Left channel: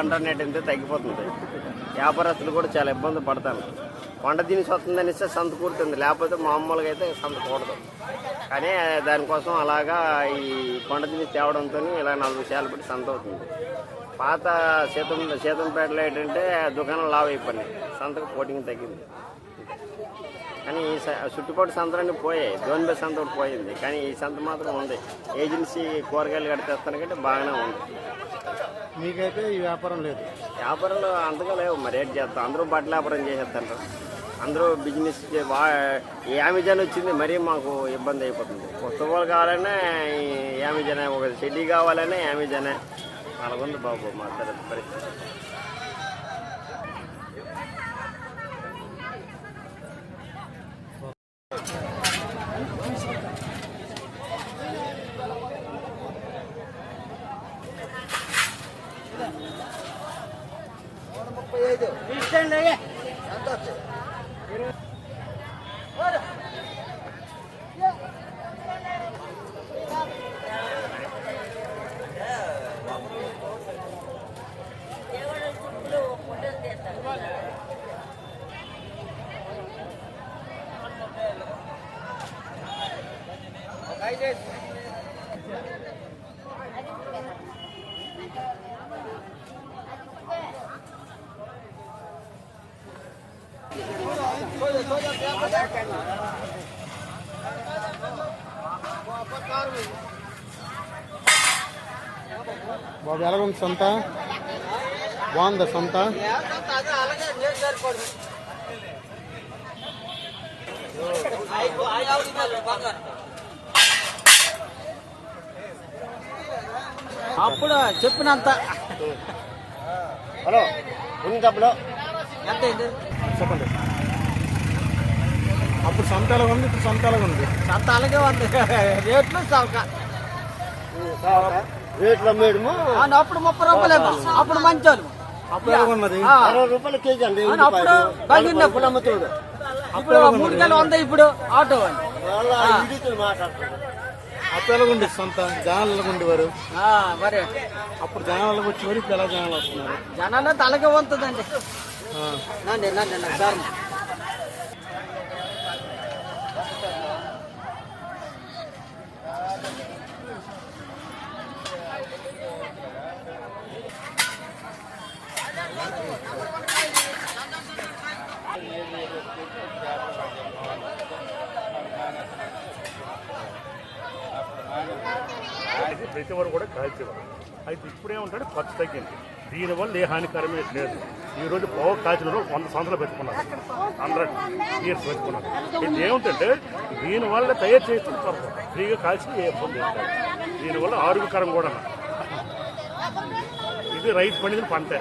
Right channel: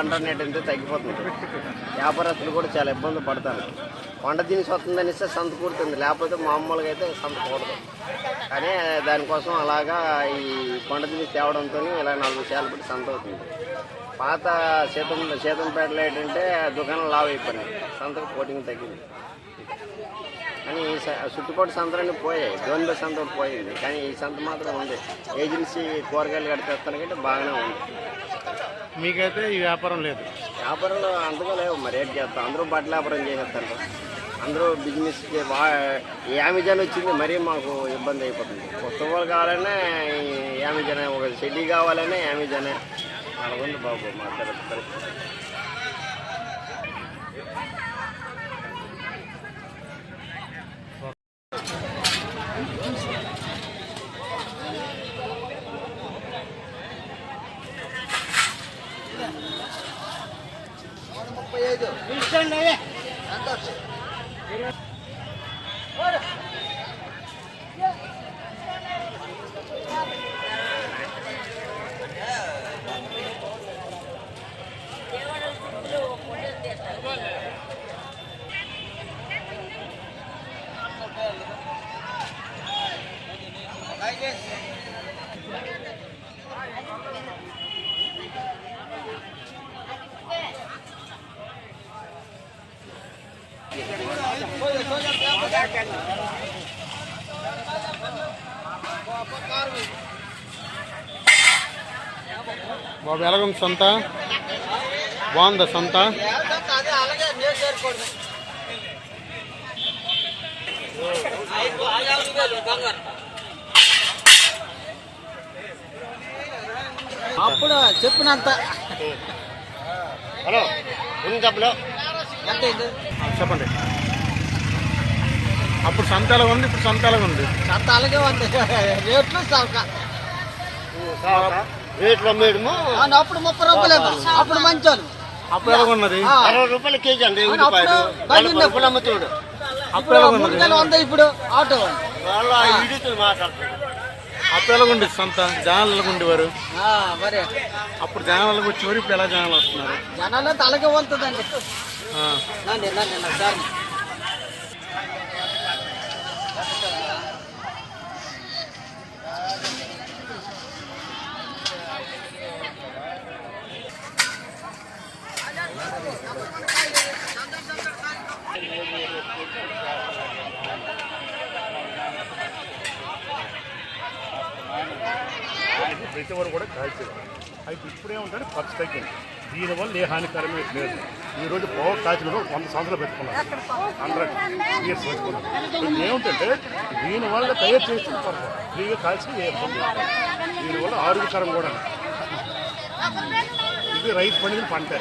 Internet ఎంత తగ్గిపోతుంది. వ్యాపారస్తులు కూడా చాలా ఇబ్బంది పడతాను. కొండ దినిసి వస్తుందని ఇస్తే సంత కూడుతుంది, లేకపోతే మామూలుగా అయితే సంత కూడదు. కానీ దానికోసం అలాగా ఈ కొండ దినిసి తేవడంతో ఇలా 40 శాలు పెట్టి సంత అవుతుంది. పాత సీతంపేటలో ఏంటంటే దుకాణం లావ్ అయిపోయినాయి, సంతకు పోటింగ్ తగ్గింది. కానీ ఈ చుట్టుపక్కల సంతలన్నీ పోయాయి, జోన్బే సంత ఒకటి పోయింది. కానీ ఈ సంత మాత్రం ఉంది. ఏజెన్సీ కూరగాయలు కడితేస్తానికంటే బాగానే ఉంది. మీకైతే ఈ వ్యాపారం లేదు? వ్యాపారంలో అంతగా లేవు. మరి రేట్ చేస్తాం, అందరూ బట్టల వ్యాపారం చేసేస్తారు, అందరూ బిజినెస్. అమెజాన్ వచ్చింది, మరీ మాకు ఇబ్బంది అయిపోతుంది. పుస్తకాలు కావాలనే అమెజానే, ఒక చెడ్డీ కావాలనే అమెజానే. అలాగుంది బాబు మా పరిస్థితి. బాబు ఎలాగుంది సంత? బాగుందా సంత? అప్పుడు చెప్పినంత. హలో చెప్పండి. అప్పుడు సంత ఎలాగ ఉంది, ఇప్పుడు సంత ఎలాగ ఉంది? సంత అలాగే ఉంది, రేట్లు రేట్లు అమ్మేయడము. అప్పుడు 30 రూపాయలు, అప్పుడు మంచోళ్ళు. అప్పుడు ఎలాగ ఉన్నది? 60 రూపాయల కేజీ అండి. అమ్ముతాడు. అప్పుడు ఎలాగ ఉన్నది? ఇప్పుడు ఆటో మాట్లాడుతాడు. అప్పుడు ఎలాగుండి సంత? జనాలు ఎలాగ ఉండేవారు? మరి అప్పుడు జనాలకు వచ్చేవారు, ఇప్పుడు ఎలా జనాలు వస్తున్నారు? జనాలు తలగే వంతుందండి. సార్ ప్రతి వారు కూడా కాల్చేవారు. అయితే ఇప్పుడేమంటే ఖర్చు తగ్గింది. దీనివల్ల ఏ హానికరమైన లేదు. ఈరోజు పోవ కాల్చిన 100 సంవత్సరాలు పెట్టుకున్నారు, 100 years పెట్టుకున్నారు. ఇది ఏమిటంటే దీనివల్ల తయారు చేస్తే పర్వాలేదు, ఫ్రీగా కాల్చి ఏ ఇబ్బంది లేదు. దీనివల్ల ఆరోగ్యకరం కూడా. ఇది రైతు పండిన పంటే.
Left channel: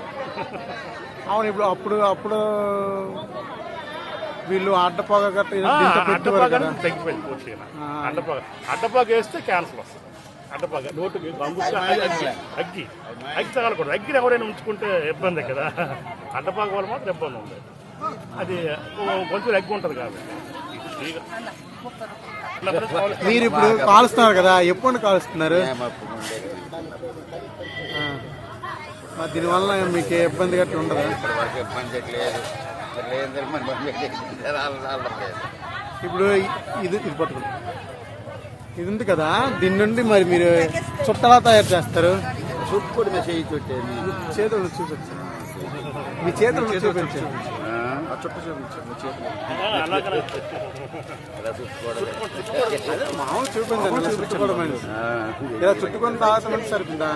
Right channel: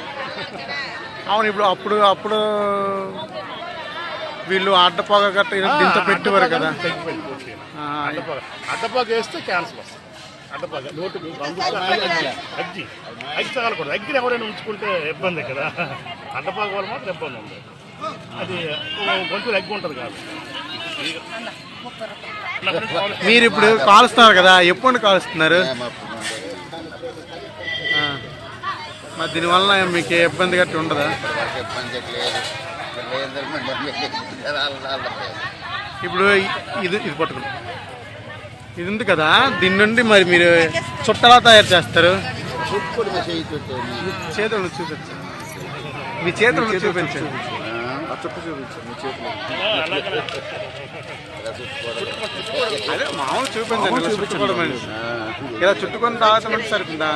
అవును. ఇప్పుడు అప్పుడు వీళ్ళు అడ్డపాగ గట్ట ఇంత పెట్టేవారు కదా, తగ్గిపోయింది పూర్తిగా. అడ్డపాగ వేస్తే క్యాన్సర్ వస్తుంది. అడ్డపాగ నోటు అగ్గి తగలకూడదు. అగ్గిని ఎవరైనా ఉంచుకుంటే ఇబ్బంది కదా. అడ్డపాగ వల్ల మాత్రం ఇబ్బంది ఉంది. అది కొంచెం అగ్గి ఉంటుంది కాబట్టి. మీరు ఇప్పుడు కాలుస్తున్నారు కదా, ఎప్పుడు కాలుస్తున్నారు? మరి దీనివల్ల మీకు ఇబ్బంది గట్టి ఉండదా? ఇప్పుడు ఇది పట్టుకుని ఇది ఉంది కదా, దీని నుండి మరి మీరు చుట్టలా తయారు చేస్తారు? చేతులను చూపించండి, మీ చేతులను చూపించండి. అదే మామూలు చూపించండి, ఇలా చుట్టుకోవడం. ఇలా చుట్టుకొని తాగటం అంటే సరిపోతుందా?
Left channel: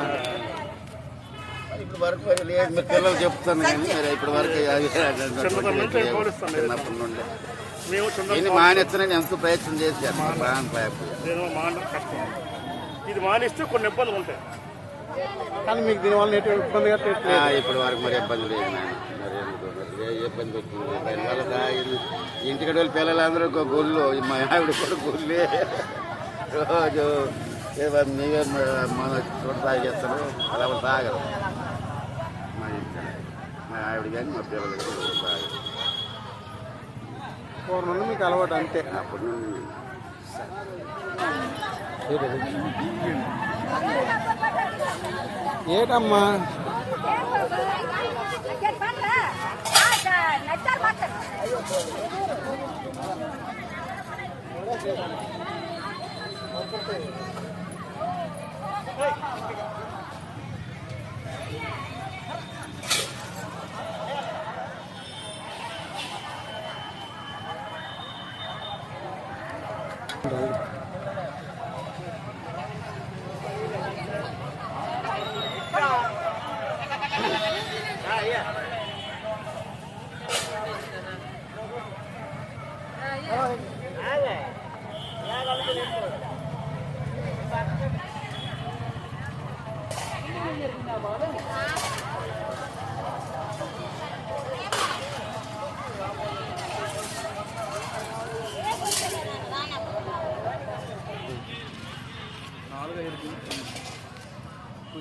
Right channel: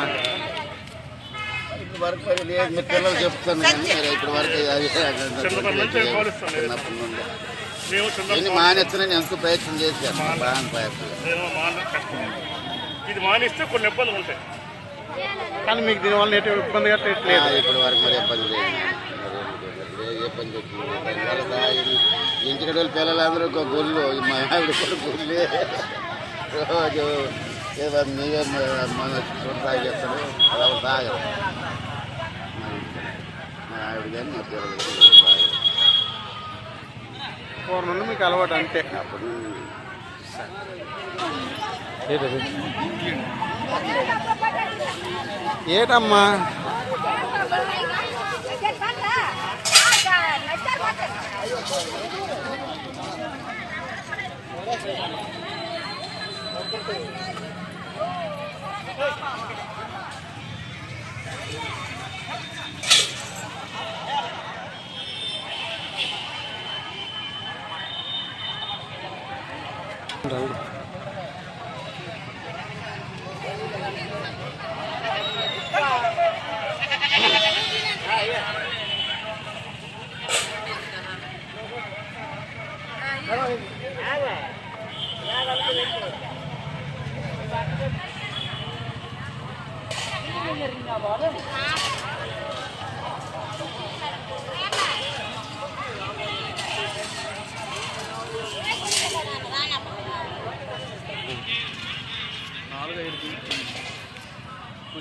వరకు మరి లేదు, మీరు పిల్లలు చెప్తాను కానీ మరి ఇప్పటి వరకు చిన్నప్పటి నుండి దీన్ని మానేస్తానని ఎంతో ప్రయత్నం చేశాను. బాగా ఇది మానేస్తే కొన్ని ఇబ్బందులు ఉంటాయి. కానీ మీకు దీనివల్ల ఎటువంటి ఇబ్బంది కట్టలేదు? ఇప్పటి వరకు మరి ఇబ్బంది లేదు నాయన. మరి ఏ ఇబ్బంది వచ్చింది దానివల్ల ఇంటికి వెళ్ళి పిల్లలందరూ గొల్లు, మా ఆవిడ కూడా గొల్లే. రోజు నీవే మన చూడ తాగేస్తాడు, అది ఎవరు తాగరు మా ఇంటికి. మా ఆవిడ కానీ మా పిల్లలు కానీ తాగరు. పూర్వం నుండి మీకు అలవాటు అంతే? అప్పటి నుండి ఏటమ్మా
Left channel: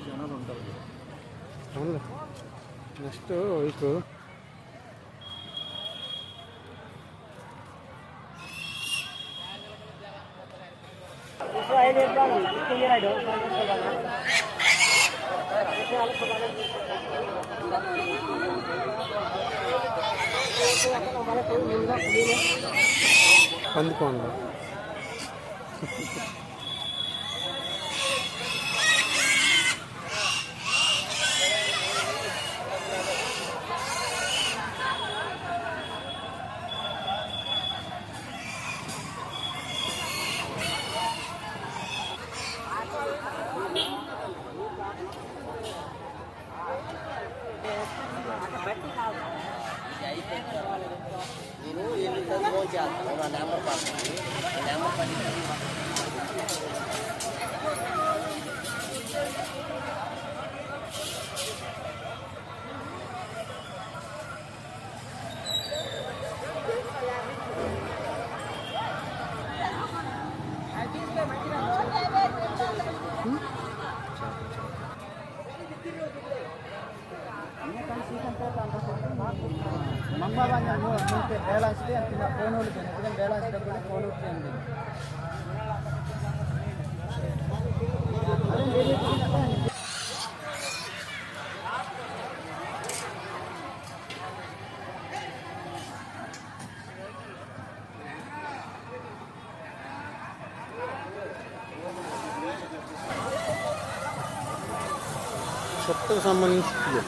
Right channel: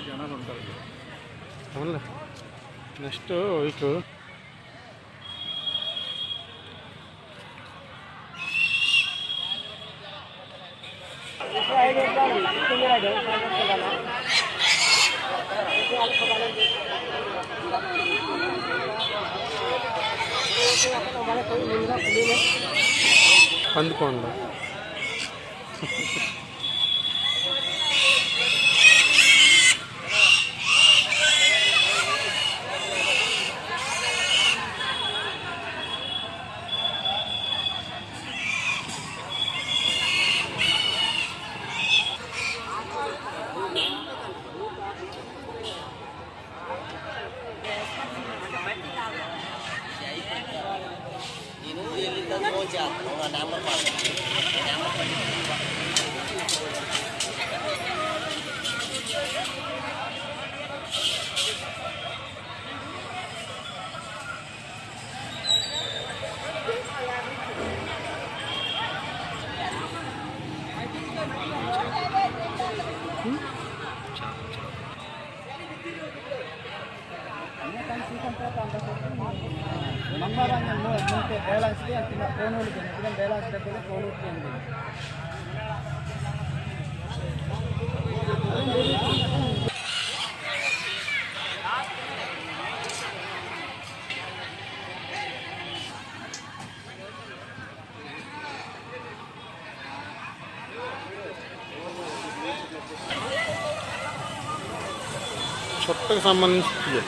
జనాలు ఉంటారు. అవునులే. నెక్స్ట్ వీక్ పందుకోండి. ಮುಂಚೆ ಬ್ಯಾಲೆನ್ಸ್ಗೆ ಫೋನ್ ಹೊಡಿತೀನಿ, ಬ್ಯಾಲೆನ್ಸ್ ಡಬ್ಬಲ್ಲಿ ಫೋನ್ ಹೊಡ್ತೀನಿ. చుట్టకు సంబంధించి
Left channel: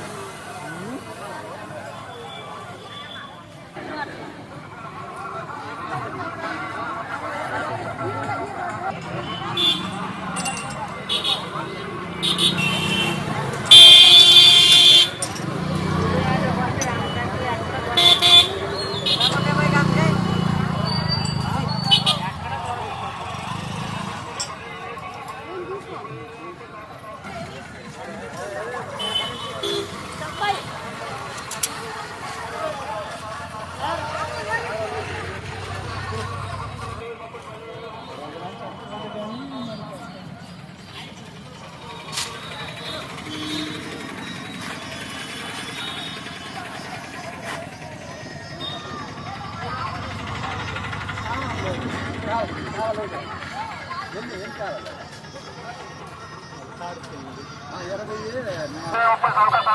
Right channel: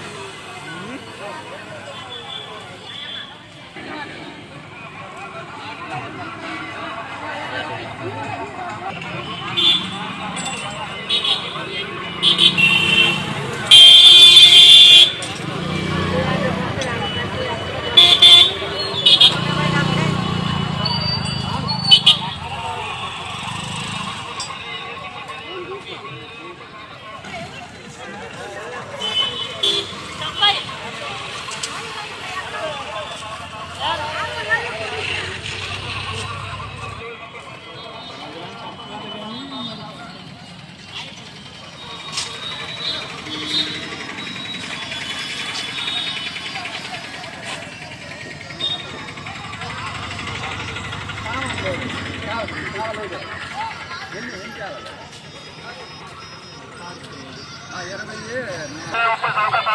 ఎనభై